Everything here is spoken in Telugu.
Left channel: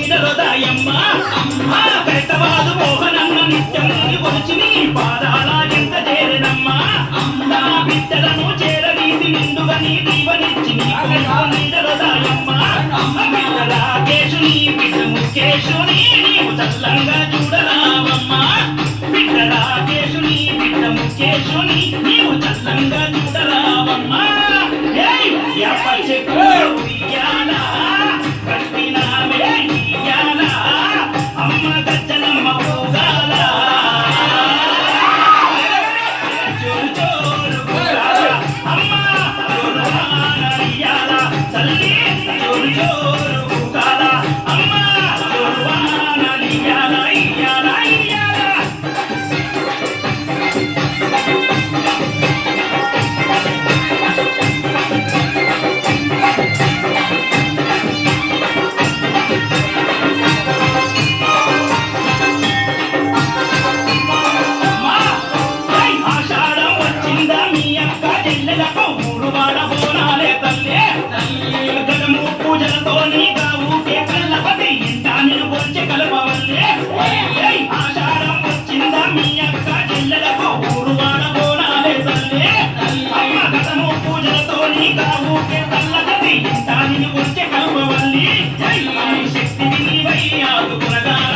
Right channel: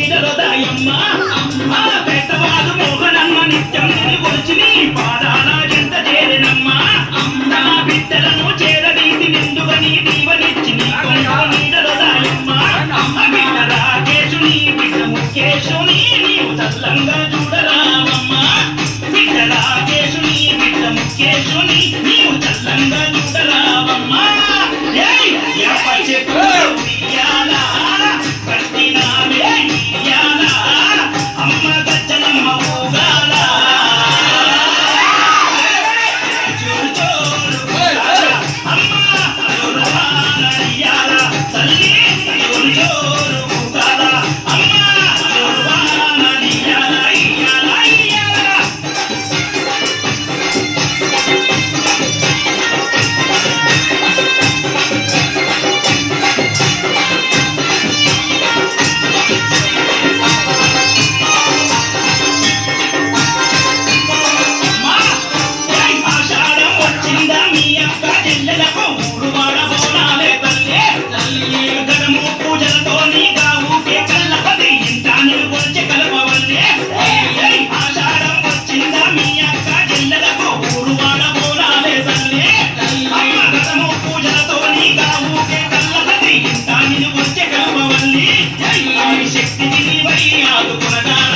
నీడలో దాయమ్మ పెద్దవాడు మోహనమ్మ నిత్యం నిన్ను కొలిచి నీ పాదాల ఎంత చేరినమ్మ నా బిడ్డలను చేరదీసి నిండుగా నీ దీవనిచ్చి నీ నీడలో దాయమ్మ బిడ్డ రాకేశుని బిడ్డ ముఖేశుని నీవు చల్లంగా చూడరావమ్మా బిడ్డ రాకేశుని బిడ్డ ముఖేశుని నీవు చల్లంగా చూడరావమ్మా అమ్మ గజ్జనమ్మ ఊగాల అమ్మ తల్లి జోరు ఊగాల అమ్మ పూజలతో నీ గావుకే కళ్ళపది ఇంత నిలుపొచ్చి కలపవల్లే ఆషాఢం వచ్చిందా మీ అక్క జిల్లలకు ఊరు వాడ బోనాలే తల్లే అమ్మ గతము పూజలతో నీ గావుకే కళ్ళపది ఇంత నిలుపొచ్చి కలపవల్లి శక్తి వినివై ఆదుకునగా